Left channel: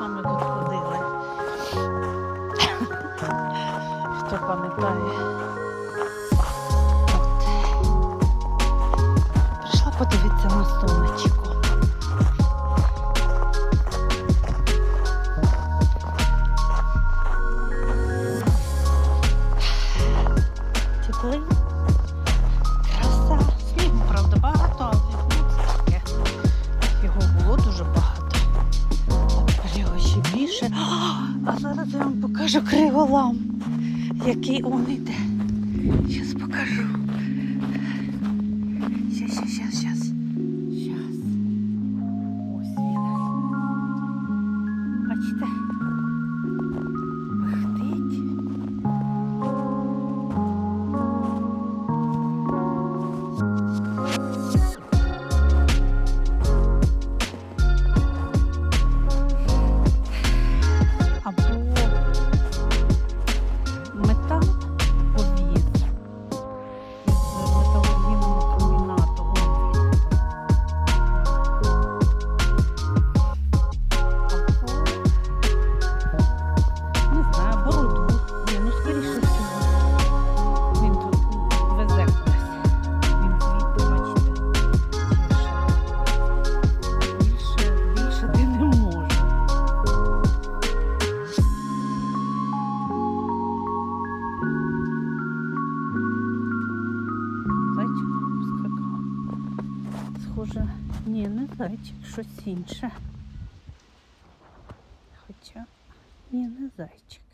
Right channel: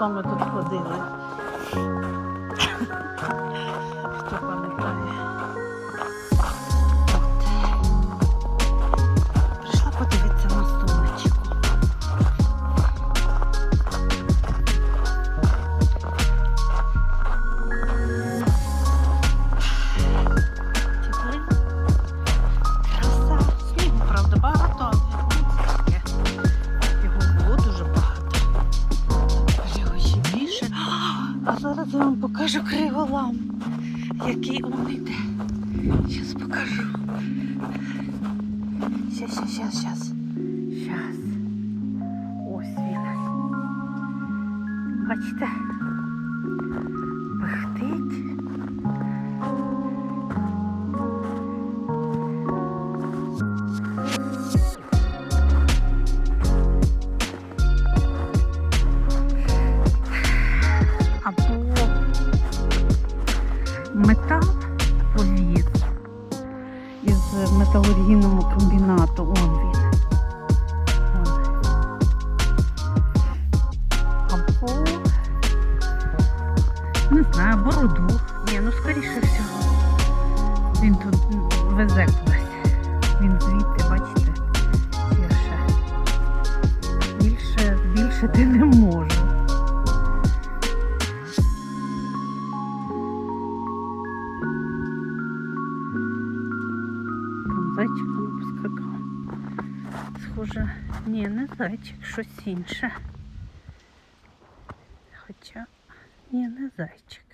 році ми теж з вами тут ходили. Хто пам'ятає? Схоже, ні, не зайчик, щось інше. Хоча, ні, не зайчик.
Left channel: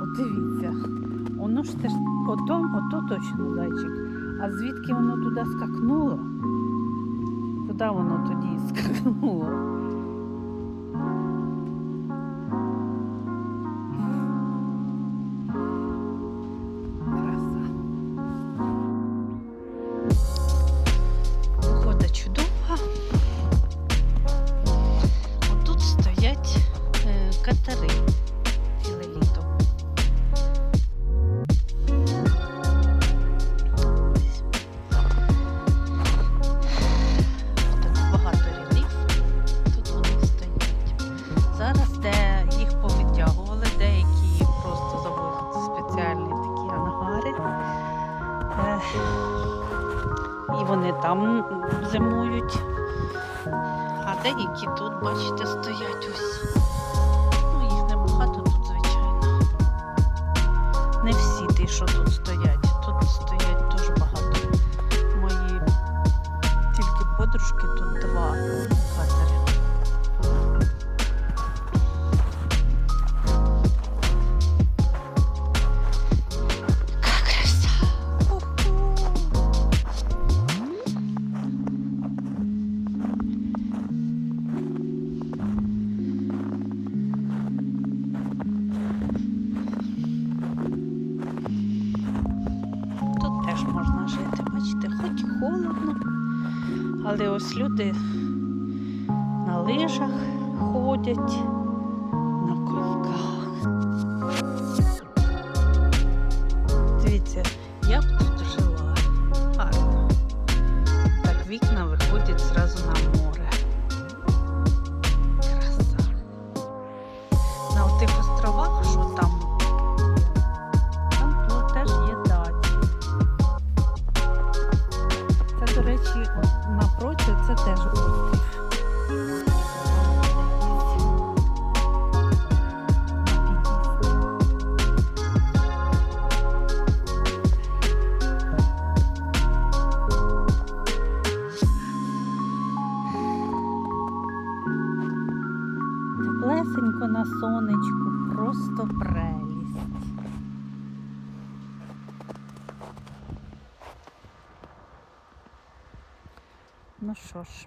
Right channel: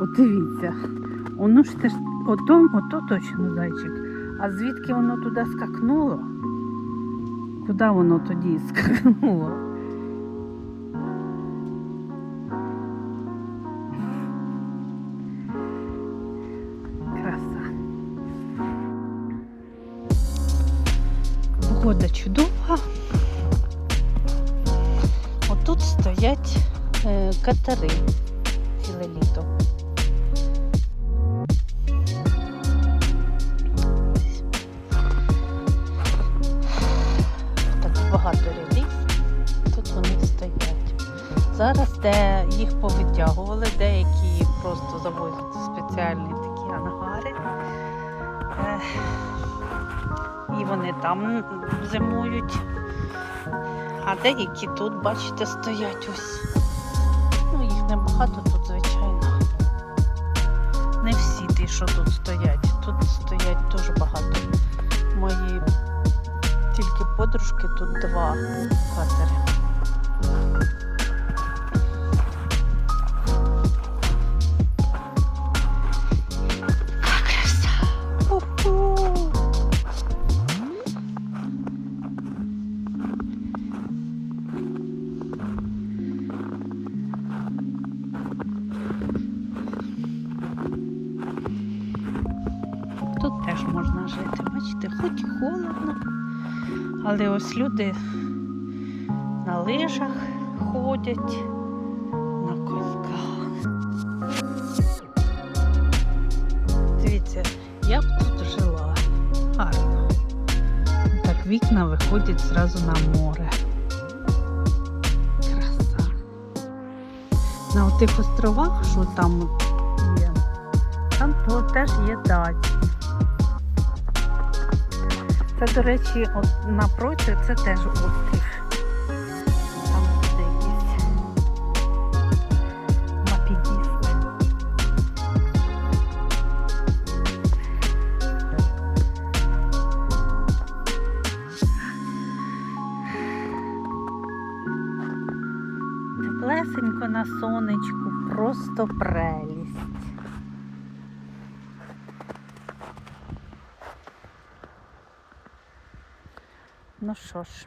От дивіться, воно ж теж ото, ото точно зайчик. А звідки воно туди скакнуло? Куди воно тоді скакнуло? Зараз де їх повитягували, деякі просто завозять спеціальні такі ангари. І вони там зимують. А деякі тут, бачите, стоять ось. Ну, їх небагато тут, звичайно. Не всі ті, що тут стоять. Тут стоять дуже багато. Мої тільки подружки тут два катери. Можна жити, бачите, хоч і холодно, але ось люди на лижах ходять, на коньках. Дивіться, я б тут жила. Гарно. Так вікна виходять зразу Теплесенько на сонечку, просто прелість. Ну що ж,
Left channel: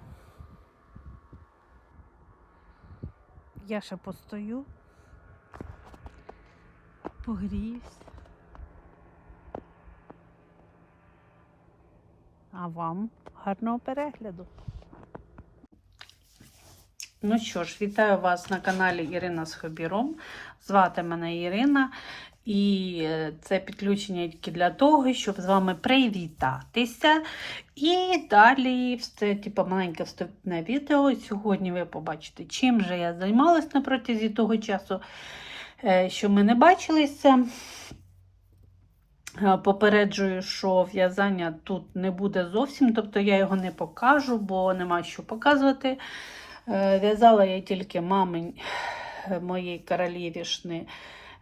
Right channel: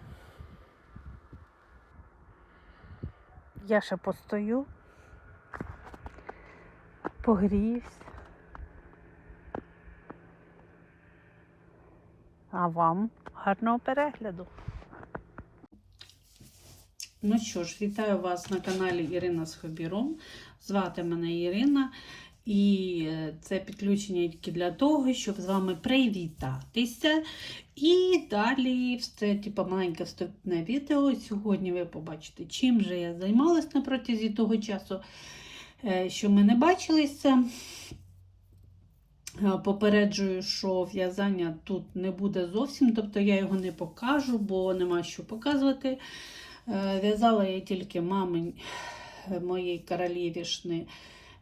я ще постою, погріюсь. А вам гарного перегляду. Ну що ж, вітаю вас на каналі Ірина з Хобіром. Звати мене Ірина. І е, це підключення тільки для того, щоб з вами привітатися. І далі це типу, маленьке вступне відео. Сьогодні ви побачите, чим же я займалась на протязі того часу, е, що ми не бачилися. Е, Попереджую, що в'язання тут не буде зовсім, тобто я його не покажу, бо нема що показувати. Е, В'язала я тільки мамин е, моєї королівішни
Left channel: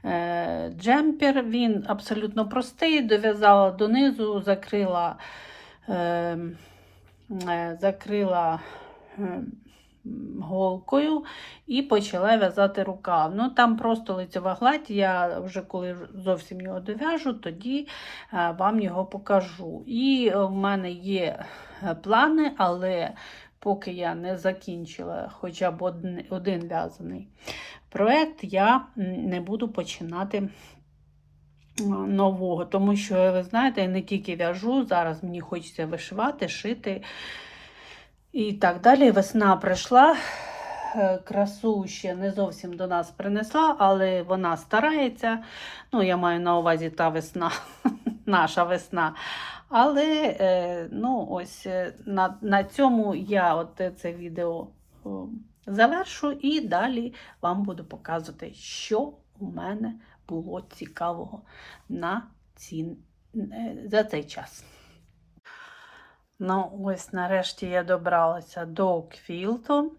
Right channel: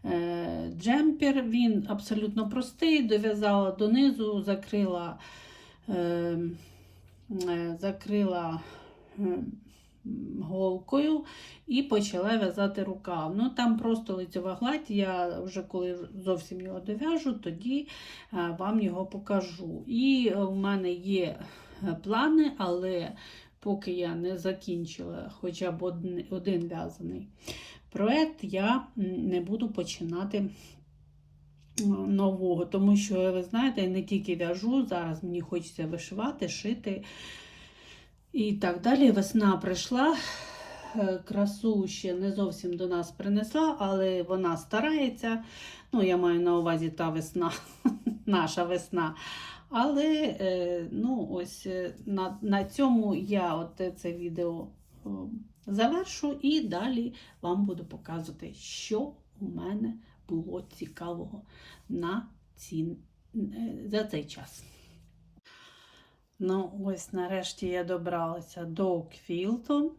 е, джемпер. Він абсолютно простий, дов'язала донизу, закрила, закрила голкою і почала в'язати рукав. Ну там просто лицева гладь. Я вже коли зовсім його дов'яжу, тоді вам його покажу. І в мене є плани, але поки я не закінчила хоча б один, в'язаний проєкт, я не буду починати нового. Тому що, ви знаєте, я не тільки в'яжу, зараз мені хочеться вишивати, шити. І так далі. Весна прийшла. Е, Красу ще не зовсім до нас принесла, але вона старається. Ну, я маю на увазі та весна, наша весна. Але е, ну, ось е, на, на цьому я от це відео завершу і далі вам буду показувати, що у мене було цікавого на ці, е, за цей час. Ну, ось нарешті я добралася до квілту.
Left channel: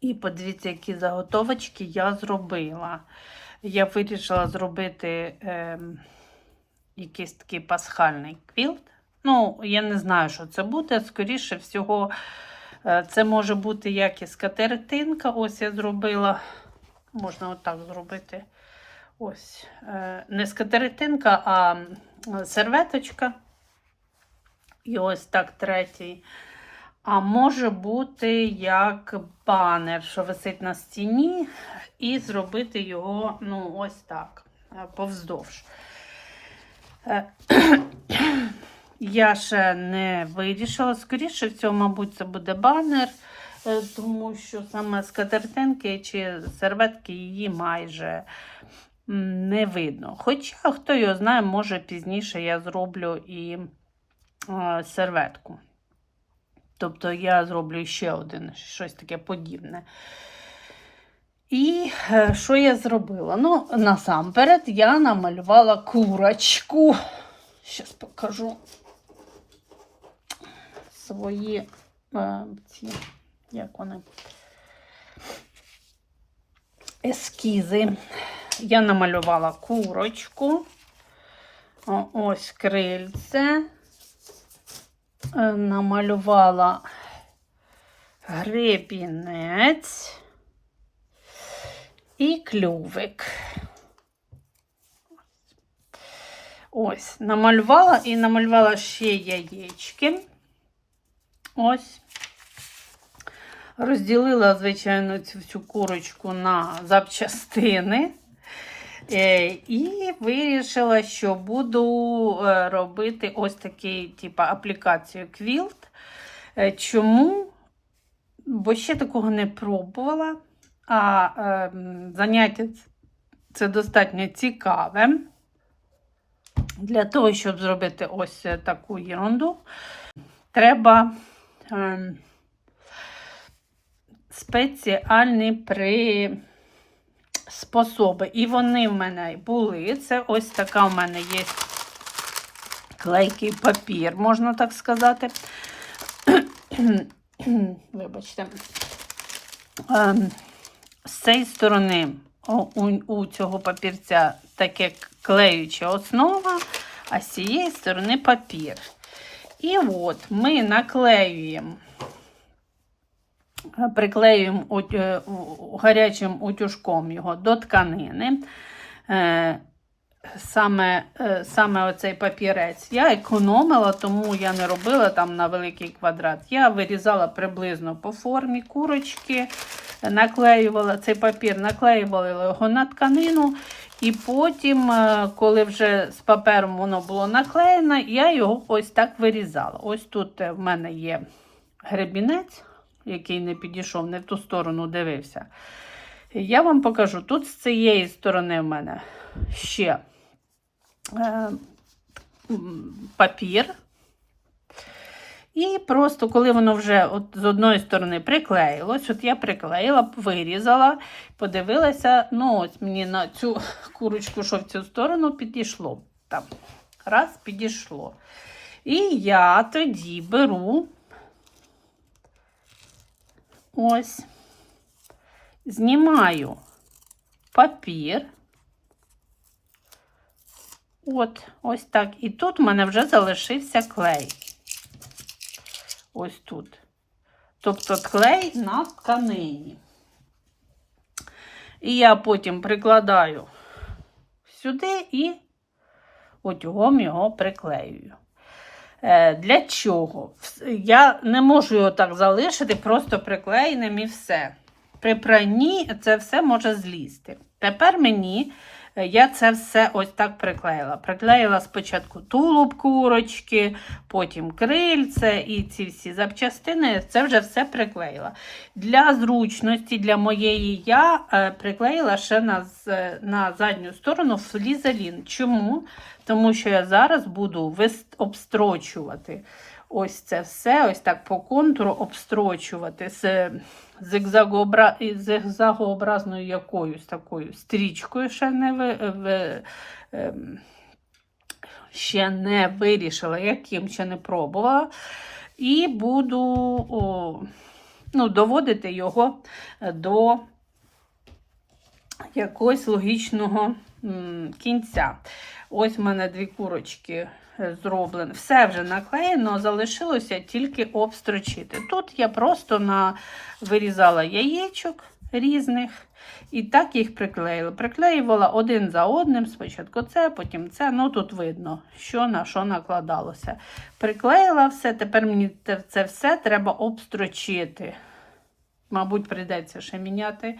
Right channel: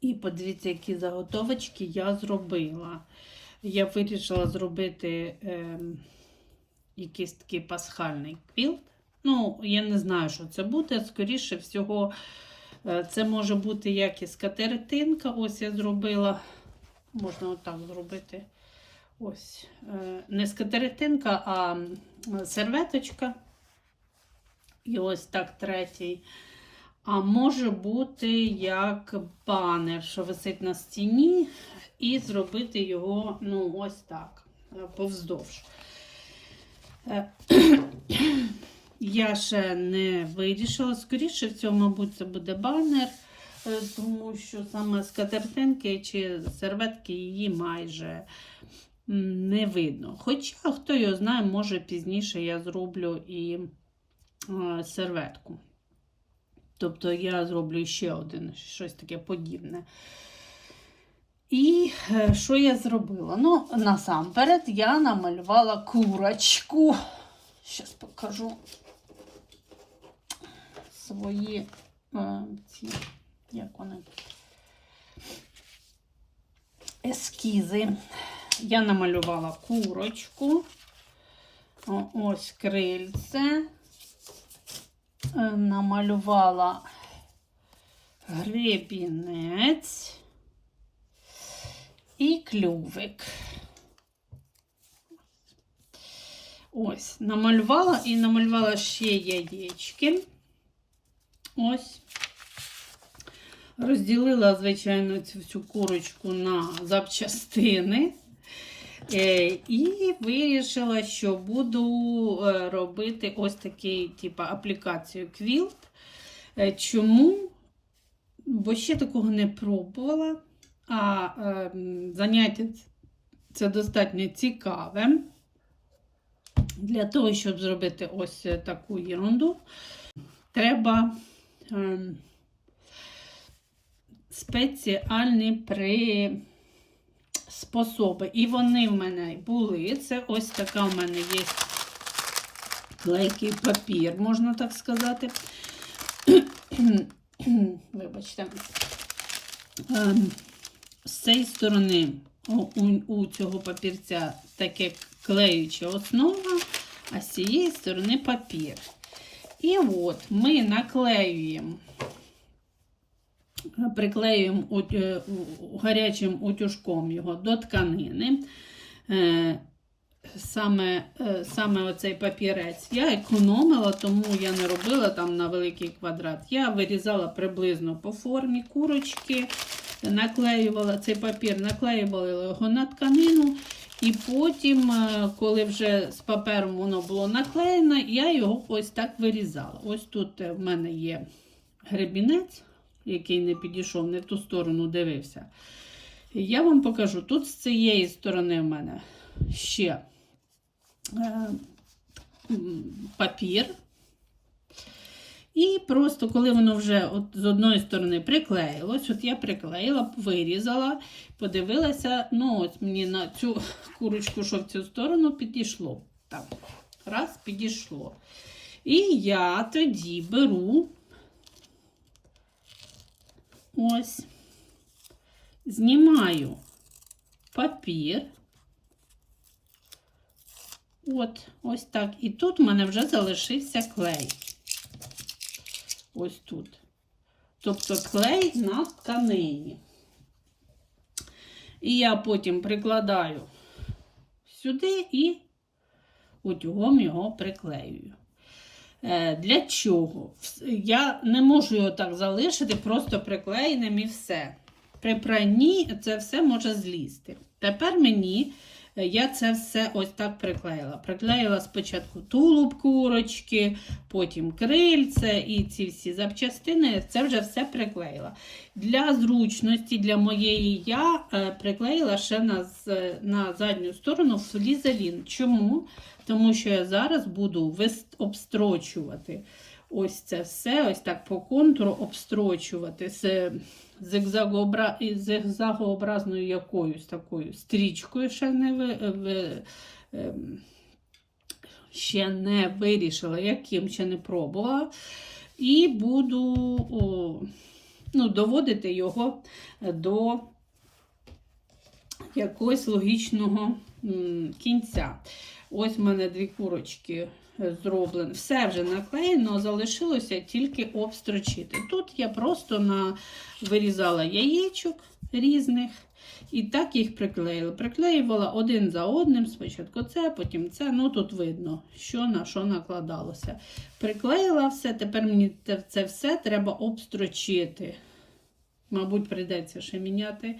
І подивіться, які заготовочки я зробила. Я вирішила зробити е, якийсь такий пасхальний квілт. Ну, я не знаю, що це буде. Скоріше всього, е, це може бути як і. Ось я зробила. Можна отак зробити. Ось. Е, не скатертинка, а серветочка. І ось так третій. А може бути як банер, що висить на стіні, і зробити його, ну, ось так, е, повздовж. Е, Я ще не вирішила. Скоріше всього, мабуть, це буде банер, е, тому що саме скатертинки чи серветки її майже не видно. Хоча, хто його знає, може пізніше я зроблю і е, серветку. Тобто я зроблю ще один щось таке подібне. І е, що я зробила? Ну, насамперед я намалювала курочку. Зараз покажу свої е, ці, як вони, ескізи. Я намалювала курочку. О, ось крильце. Е, намалювала гребінець і клювик. Ось, намалювала і намалювала ще яєчки. Ось. Розділила, звичайно, цю всю курочку на запчастини. Е, І вирішила, що буду е, робити ось такий, типу, аплікацію квілт. Е, Чому? Бо ще такого не пробувала. А е, заняття це достатньо цікаве. Для того, щоб зробити ось таку ерунду, треба е, спеціальні при способи. І вони в мене були. Це ось така в мене є клейкий папір, можна так сказати. Вибачте. З цієї сторони у, цього папірця таке клеюча основа, а з цієї сторони папір. І от ми наклеюємо приклеюємо е, гарячим утюжком його до тканини. Е, Саме, е, саме оцей папірець я економила, тому я не робила там на великий квадрат. Я вирізала приблизно по формі курочки, наклеювала цей папір, наклеювала його на тканину. І потім, е, коли вже з папером воно було наклеєно, я його ось так вирізала. Ось тут е, в мене є гребінець який не підійшов, не в ту сторону дивився. Я вам покажу, тут з цієї сторони в мене ще е, папір. І просто, коли воно вже от з одної сторони приклеїлось, от я приклеїла, вирізала, подивилася, ну ось мені на цю курочку, що в цю сторону підійшло. Там, раз, підійшло. І я тоді беру ось, знімаю папір. От, ось так. І тут в мене вже залишився клей. Ось тут. Тобто клей на тканині. І я потім прикладаю сюди і утюгом його приклеюю. Е, Для чого? Я не можу його так залишити, просто приклеєним і все. При пранні це все може злізти. Тепер мені я це все ось так приклеїла. Приклеїла спочатку тулуб курочки, потім крильце і ці всі запчастини. Це вже все приклеїла. Для зручності, для моєї я е, приклеїла ще на, з- на задню сторону флізелін. Чому? Тому що я зараз буду обстрочувати ось це все, ось так по контуру обстрочувати зигзагообразною якоюсь такою стрічкою ще не ви... ем, ще не вирішила, яким ще не пробувала. І буду о, ну, доводити його до якогось логічного кінця. Ось в мене дві курочки е, зроблені. Все вже наклеєно, залишилося тільки обстрочити. Тут я просто на... вирізала яєчок різних і так їх приклеїла. Приклеювала один за одним. Спочатку це, потім це. Ну тут видно, що на що накладалося. Приклеїла все, тепер мені це все треба обстрочити. Мабуть, прийдеться ще міняти.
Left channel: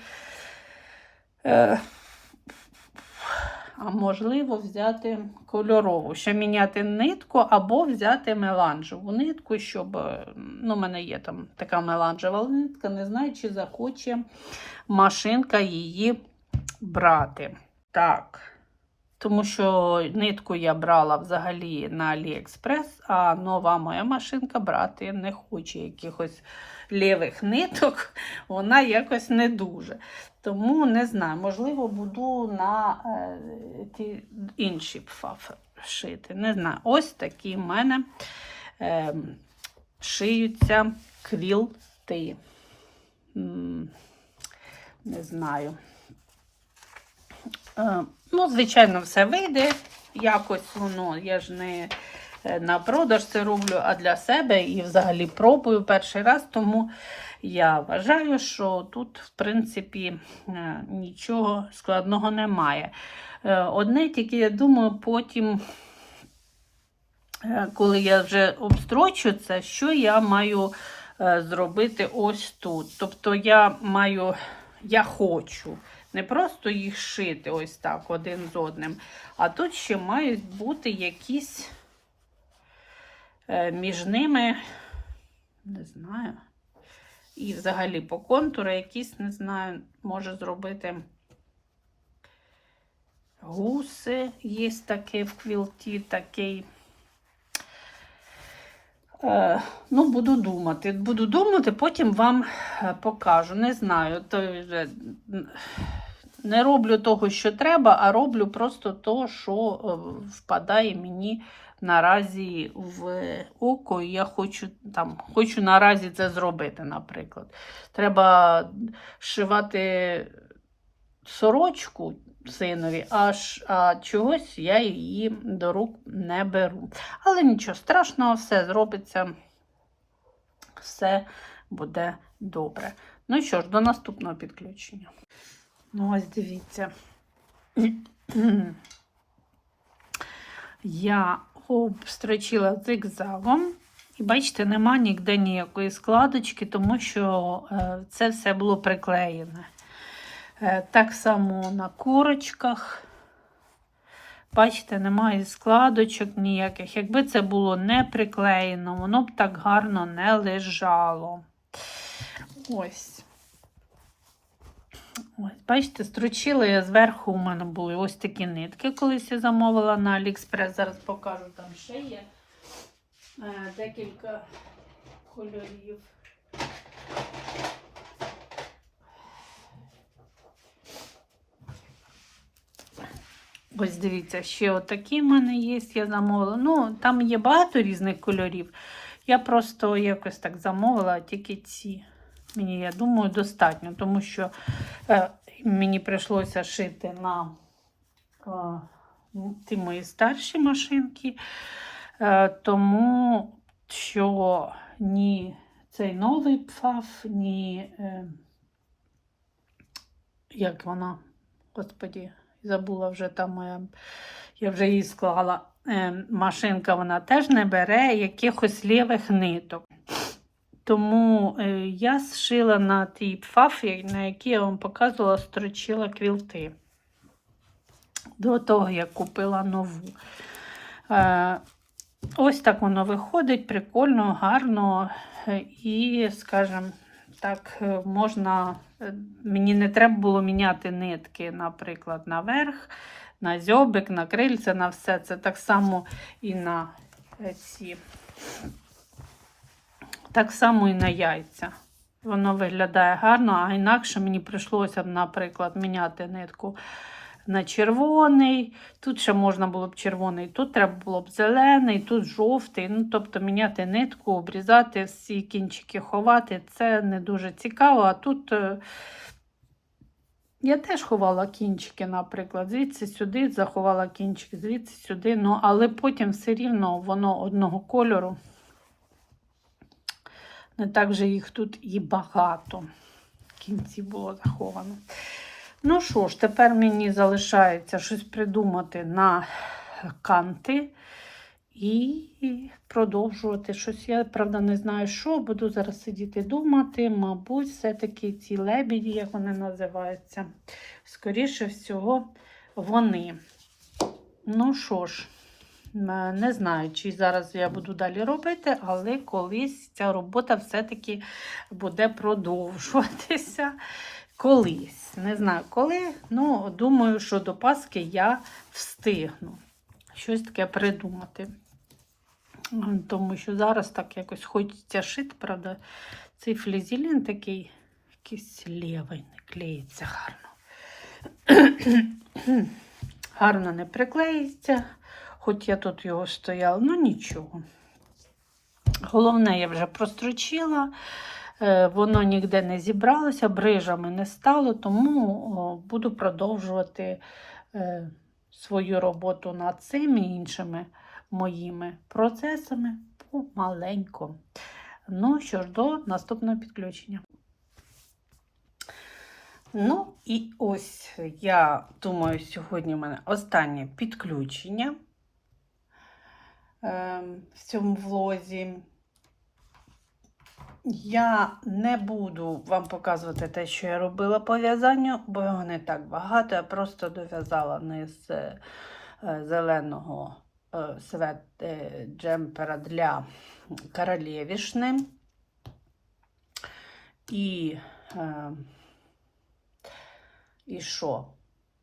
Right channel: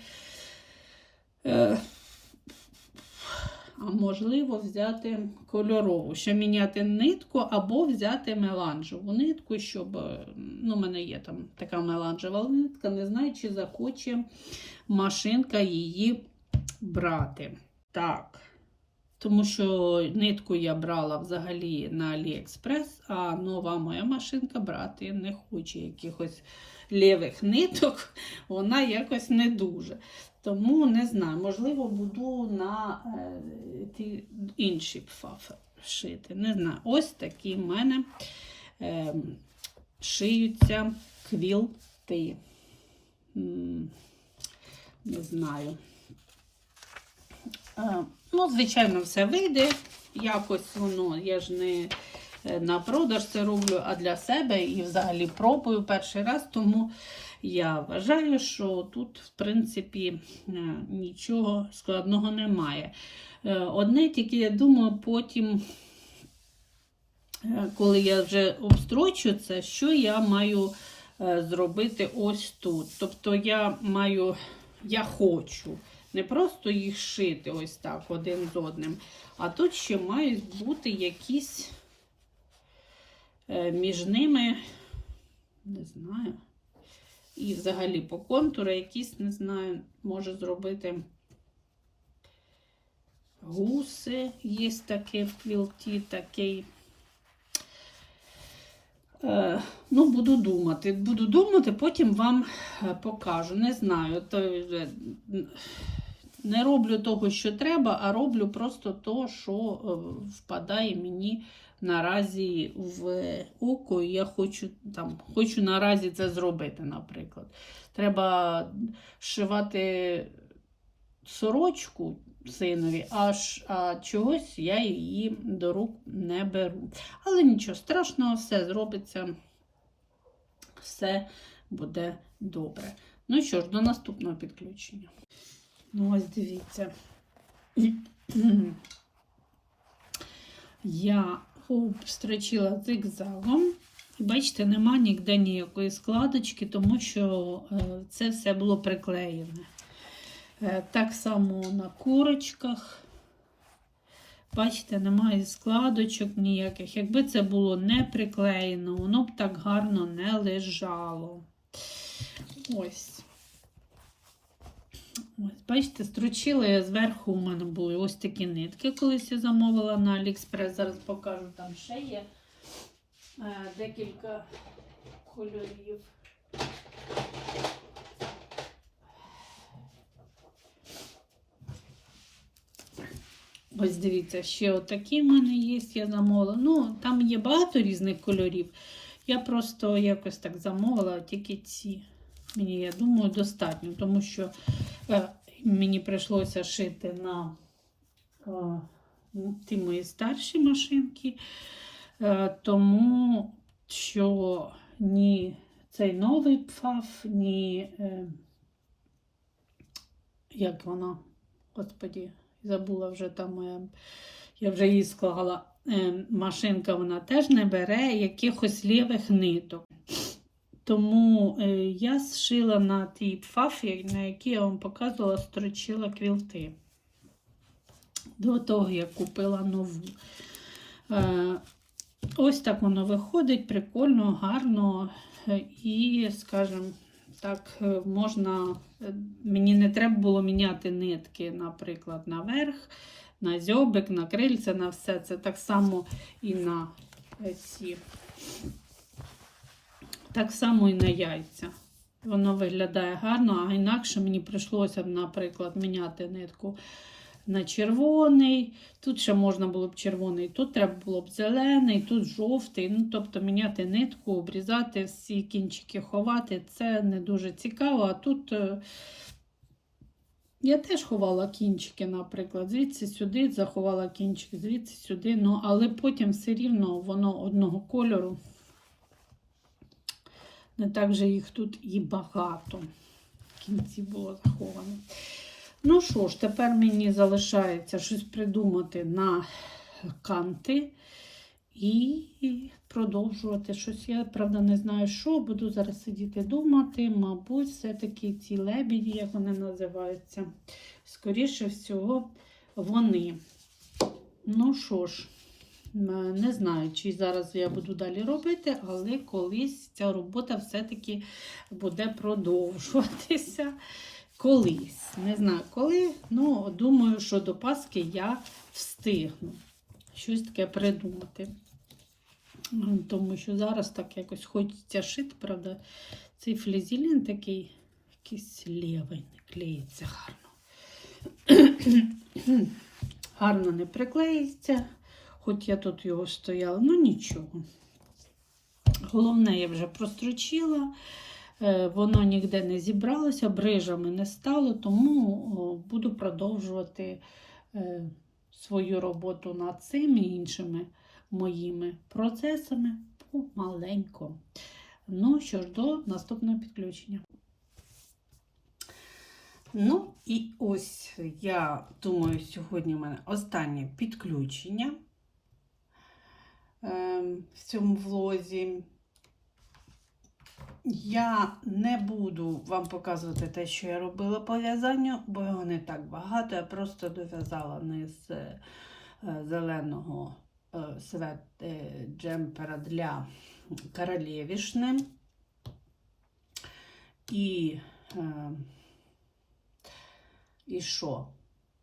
А можливо, взяти кольорову, ще міняти нитку або взяти меланжеву нитку, щоб. е, Ну, у мене є там така меланжева нитка, не знаю, чи захоче машинка її брати. Так. Тому що нитку я брала взагалі на AliExpress, а нова моя машинка брати не хоче якихось лівих ниток, вона якось не дуже. Тому не знаю, можливо, буду на е, ті інші пфаф шити. Не знаю. Ось такі в мене е, шиються квілти. Не знаю. Е, ну, звичайно, все вийде. Якось воно, я ж не е, на продаж це роблю, а для себе і взагалі пробую перший раз, тому я вважаю, що тут, в принципі, е, нічого складного немає. Е, Одне тільки, я думаю, потім, е, коли я вже обстрочу це, що я маю зробити ось тут. Тобто я маю, я хочу не просто їх шити ось так один з одним, а тут ще мають бути якісь між ними, не знаю. І взагалі по контуру якісь, не знаю, може зробити гуси. Є таке в квілті, такий. Е, ну, буду думати. Буду думати, потім вам е, покажу. Не знаю. То не роблю того, що треба, а роблю просто то, що е, впадає мені наразі в око, і я хочу там, хочу наразі це зробити, наприклад. Треба шивати сорочку синові, аж а чогось я її до рук не беру. Але нічого страшного, все зробиться, все буде добре. Ну що ж, до наступного підключення. Ну, ось дивіться. Я обстрочила зигзагом. І бачите, нема ніде ніякої складочки, тому що е, це все було приклеєне. Е, так само на курочках. Бачите, немає складочок ніяких. Якби це було не приклеєно, воно б так гарно не лежало. Ось. Ось, бачите, строчила я зверху у мене були ось такі нитки, колись я замовила на Аліекспрес. Зараз покажу, там ще є е, декілька кольорів. Ось дивіться, ще отакі в мене є, я замовила. Ну, там є багато різних кольорів. Я просто якось так замовила, тільки ці. Мені, я думаю, достатньо, тому що е, мені прийшлося шити на е, ті мої старші машинки, е, тому що ні цей новий пфаф, ні, е, як вона, господі, забула вже там моя, я вже її склала. Е, машинка вона теж не бере якихось лівих ниток. Тому е, я зшила на тій пфаф, на якій я вам показувала, строчила квілти. До того, як купила нову. Е, ось так воно виходить, прикольно, гарно. е, І, скажімо, так, можна. Мені не треба було міняти нитки, наприклад, наверх, на зьобик, на крильце, на все. Це так само і на ці. Так само і на яйця. Воно виглядає гарно, а інакше мені прийшлося наприклад, міняти нитку на червоний. Тут ще можна було б червоний, тут треба було б зелений, тут жовтий. Ну, тобто міняти нитку, обрізати всі кінчики ховати. Це не дуже цікаво. А тут е, я теж ховала кінчики, наприклад, звідси сюди заховала кінчики, звідси сюди. Ну, але потім все рівно воно одного кольору. Не так же їх тут і багато. В кінці було заховано. Ну що ж, тепер мені залишається щось придумати на канти і продовжувати щось. Я, правда, не знаю, що. Буду зараз сидіти думати. Мабуть, все-таки ці лебіді, як вони називаються. Скоріше всього, вони. Ну що ж. Е, Не знаю, чи зараз я буду далі робити, але колись ця робота все-таки буде продовжуватися. Колись. Не знаю коли. Ну, думаю, що до Пасхи я встигну щось таке придумати. Тому що зараз так якось хочеться шити, правда, цей флізелін такий якийсь лівий, не клеїться гарно. гарно не приклеїться. Хоч я тут його стояла, ну нічого. Головне, я вже прострочила, е, воно ніде не зібралося, брижами не стало, тому буду продовжувати е, свою роботу над цими іншими моїми процесами помаленьку. Ну що ж, до наступного підключення. Ну, і ось я думаю, сьогодні в мене останнє підключення в цьому влозі. Я не буду вам показувати те, що я робила по в'язанню, бо його не так багато. Я просто дов'язала низ е, е, зеленого е, свет джемпера для королевішни. І, е, і що?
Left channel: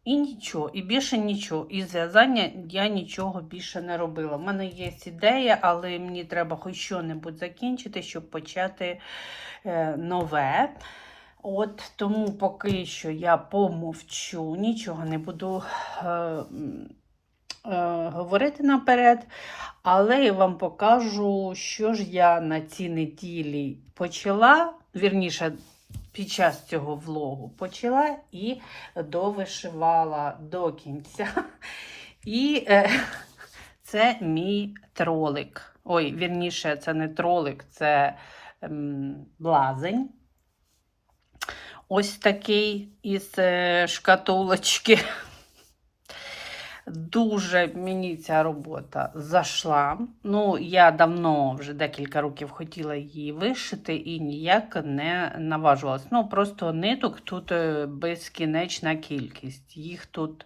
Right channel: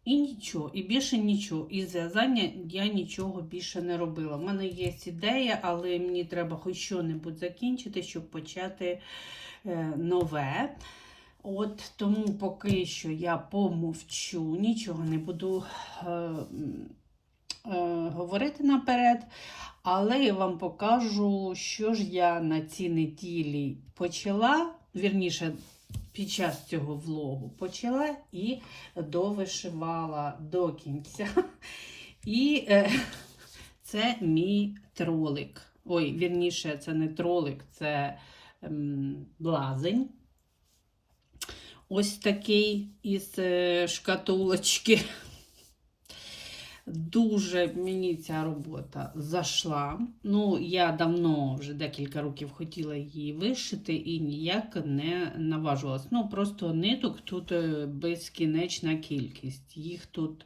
І нічого, і більше нічого. І зв'язання я нічого більше не робила. У мене є ідея, але мені треба хоч що-небудь закінчити, щоб почати е, нове. От тому поки що я помовчу, нічого не буду е, е, говорити наперед. Але я вам покажу, що ж я на цій неділі почала, вірніше, під час цього влогу почала і довишивала до кінця. І е, це мій тролик. Ой, вірніше, це не тролик, це ем, блазень. Ось такий із е, шкатулочки. Дуже мені ця робота зайшла. Ну, я давно, вже декілька років хотіла її вишити і ніяк не наважувалась. Ну, просто ниток тут е, безкінечна кількість. Їх тут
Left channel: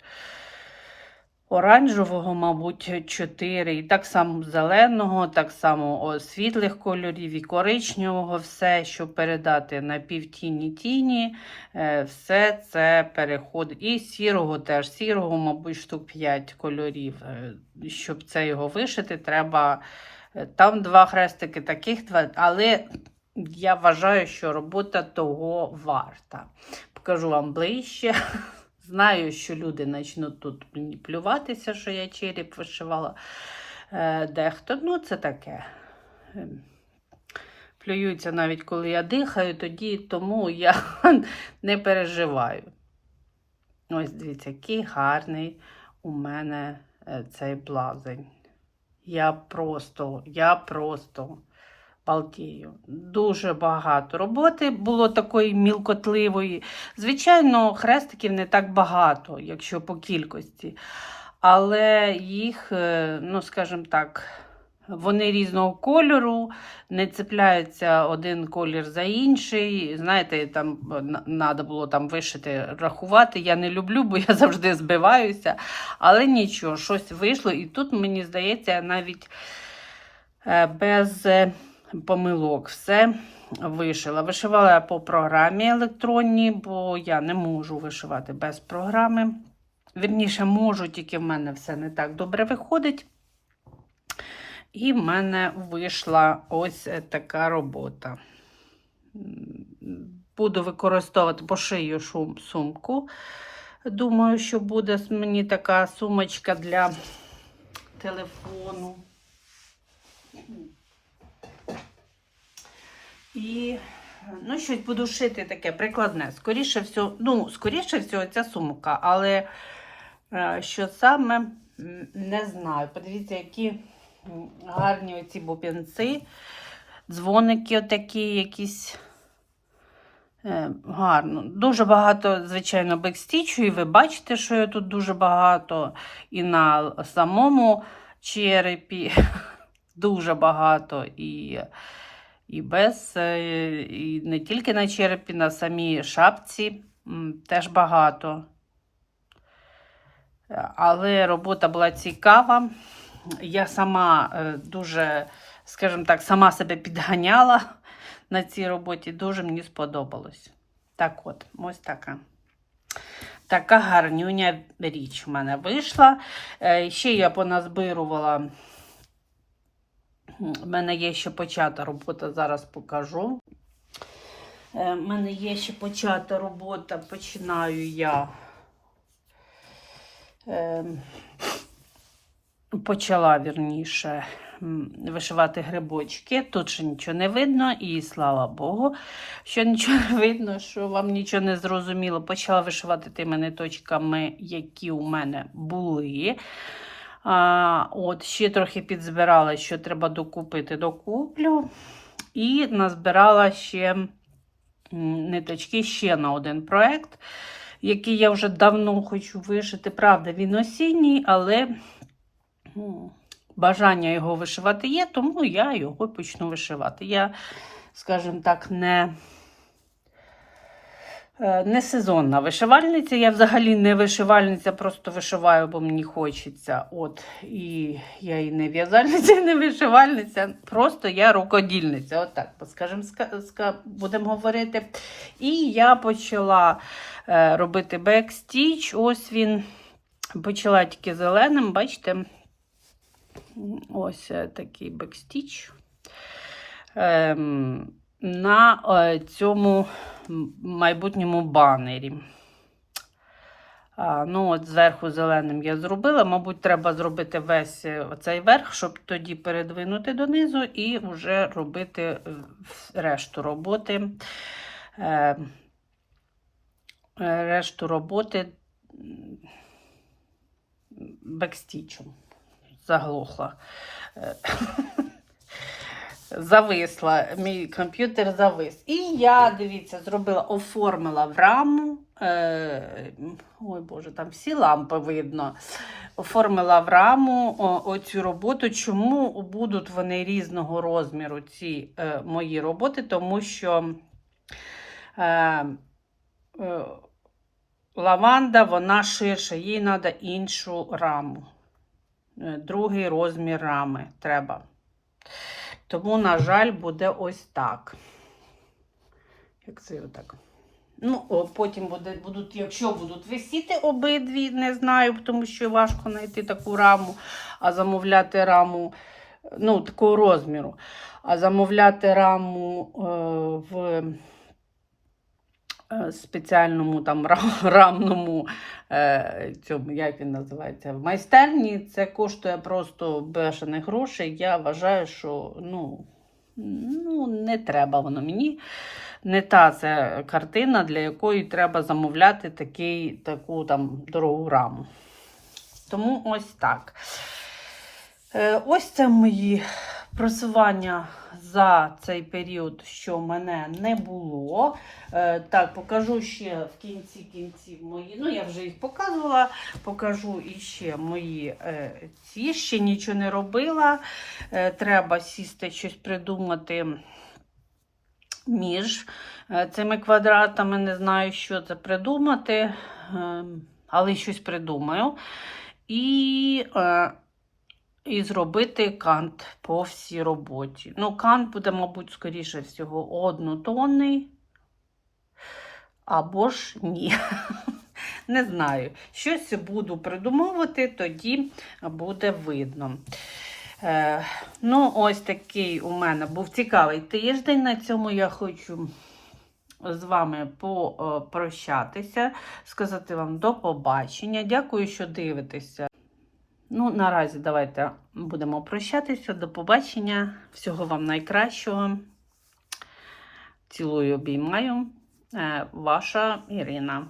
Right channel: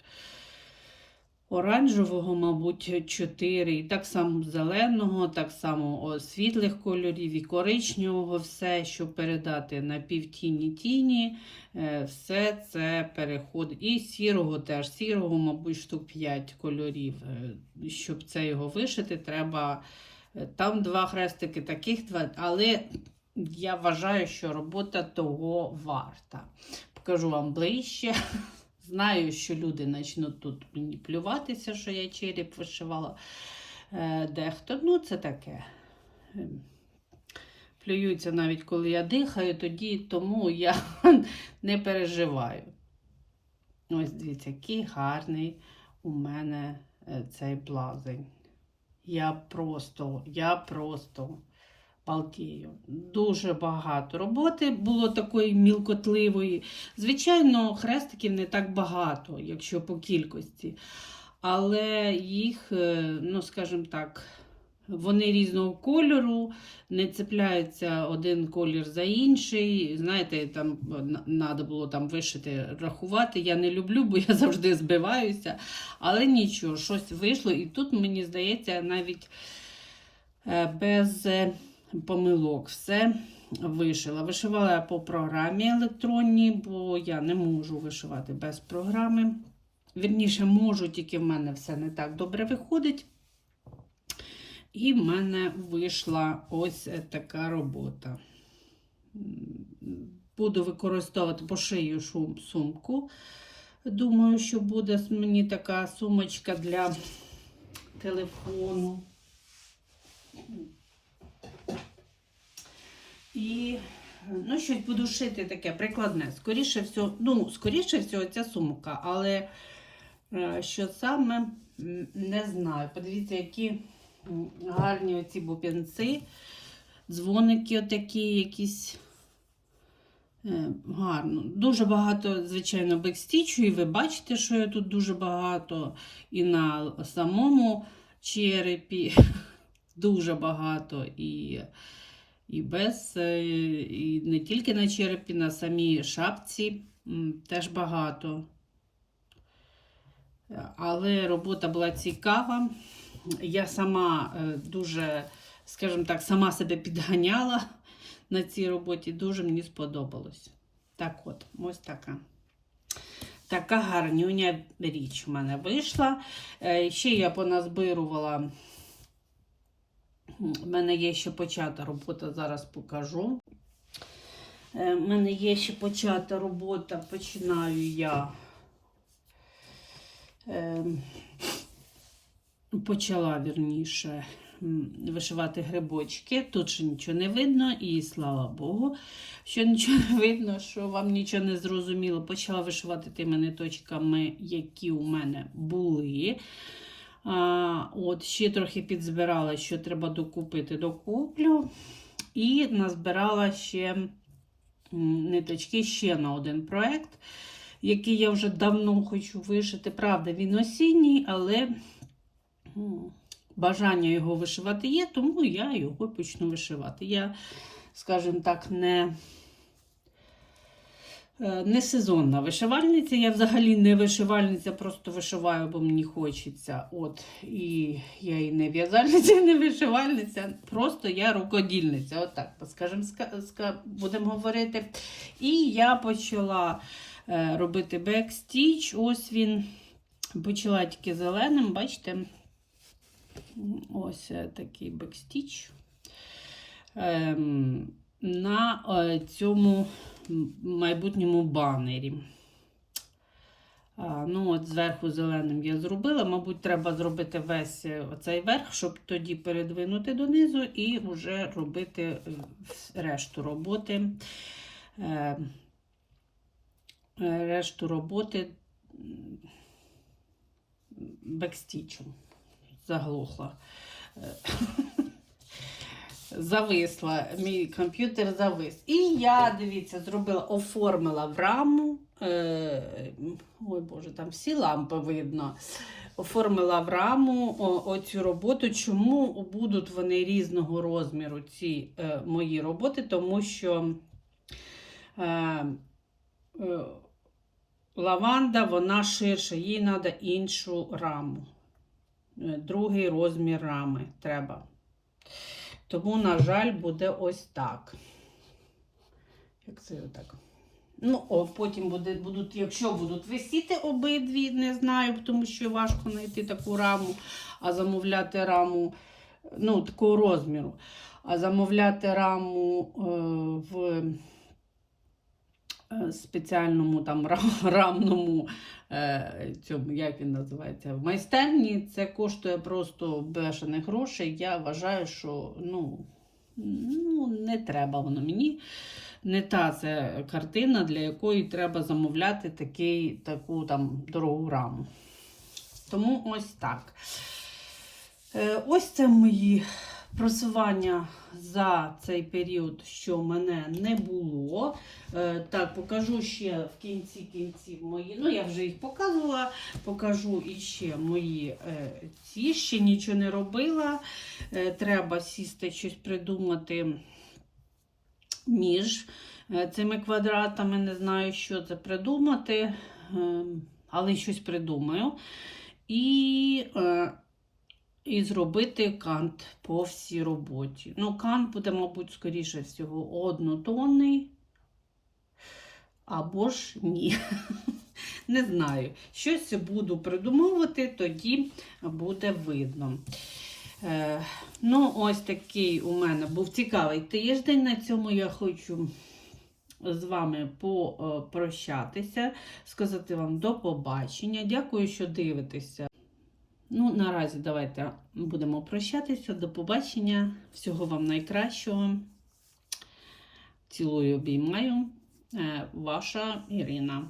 оранжевого, мабуть, 4, і так само зеленого, так само світлих кольорів і коричневого, все, щоб передати на півтіні тіні, е, все це переходить. І сірого теж, сірого, мабуть, штук 5 кольорів. Е, Щоб це його вишити, треба е, там два хрестики, таких два, але я вважаю, що робота того варта. Покажу вам ближче. Знаю, що люди почнуть тут мені плюватися, що я череп вишивала. Е, Дехто, ну це таке. Ем, Плюються навіть коли я дихаю, тоді тому я не переживаю. Ось дивіться, який гарний у мене е, цей блазень. Я просто, я просто балдію. Дуже багато роботи було такої мілкотливої. Звичайно, хрестиків не так багато, якщо по кількості. Але їх, е, ну скажімо так, вони різного кольору, не цепляються один колір за інший. Знаєте, там треба було там вишити, рахувати. Я не люблю, бо я завжди збиваюся. Але нічого, щось вийшло. І тут, мені здається, навіть е, без е, помилок все вишила. Вишивала я по програмі електронній, бо я не можу вишивати без програми. Вірніше, можу, тільки в мене все не так добре виходить. І в мене вийшла ось така робота. Буду використовувати пошию шум сумку. Думаю, що буде мені така сумочка для телефону. І ну, щось буду шити таке прикладне. Скоріше всього, ну, скоріше всього, ця сумка, але е, що саме не знаю. Подивіться, які гарні оці бубенці, дзвоники отакі якісь. Е, Гарно. Дуже багато, звичайно, бекстічу, і ви бачите, що я тут дуже багато. І на самому черепі дуже багато. І, і без, е, і не тільки на черепі, на самій шапці теж багато. Але робота була цікава. Я сама е, дуже, скажімо так, сама себе підганяла на цій роботі. Дуже мені сподобалось. Так от, ось така. Така гарнюня річ в мене вийшла. Е, Ще я поназбирувала. У мене є ще почата робота, зараз покажу. У мене є ще почата робота, починаю я. Е, почала вірніше вишивати грибочки. Тут ще нічого не видно, і слава Богу, що нічого не видно, що вам нічого не зрозуміло. Почала вишивати тими ниточками, які у мене були. А, от, ще трохи підзбирала, що треба докупити, докуплю. І назбирала ще ниточки ще на один проект, який я вже давно хочу вишити. Правда, він осінній, але бажання його вишивати є, тому я його почну вишивати. Я, скажімо так, не. Е, Не сезонна вишивальниця. Я взагалі не вишивальниця, просто вишиваю, бо мені хочеться. От, і я і не в'язальниця, і не вишивальниця. Просто я рукодільниця. От скажімо, ска- ска- будемо говорити. І я почала е, робити бекстіч. Ось він. Почала тільки зеленим, бачите? Ось е, такий бекстіч. Ем, на цьому майбутньому банері. А, ну, от зверху зеленим я зробила. Мабуть, треба зробити весь е, цей верх, щоб тоді передвинути донизу і вже робити е, решту роботи. Е, е, решту роботи м, бекстічем. Заглохла. Зависла, мій комп'ютер завис. І я, дивіться, зробила, оформила в раму. Е, ой Боже, там всі лампи видно. Оформила в раму о, оцю роботу. Чому будуть вони різного розміру, ці е, мої роботи? Тому що е, е, лаванда, вона ширша, їй треба іншу раму. Е, Другий розмір рами треба. Тому, на жаль, буде ось так. Як це отак? Ну, потім буде, будуть, якщо будуть висіти обидві, не знаю, тому що важко знайти таку раму, а замовляти раму, ну, такого розміру. А замовляти раму е, в е, спеціальному там ра- рамному, цьому, як він називається, в майстерні, це коштує просто бешених грошей. Я вважаю, що ну, ну, не треба воно мені. Не та це картина, для якої треба замовляти такий, таку там дорогу раму. Тому ось так. Е, Ось це мої просування за цей період, що мене не було. Е, Так, покажу ще в кінці кінців мої. Ну, я вже їх показувала. Покажу іще мої е, ці. Ще нічого не робила. Е, Треба сісти щось придумати між цими квадратами. Не знаю, що це придумати, е, але щось придумаю. І, і зробити кант по всій роботі. Ну, кант буде, мабуть, скоріше всього, однотонний. Або ж ні. Не знаю. Щось буду придумовувати, тоді буде видно. Е, ну, ось такий у мене був цікавий тиждень. На цьому я хочу з вами попрощатися, сказати вам до побачення. Дякую, що дивитеся. Ну, наразі давайте будемо прощатися. До побачення. Всього вам найкращого. Цілую, обіймаю. Е, Ваша Ірина.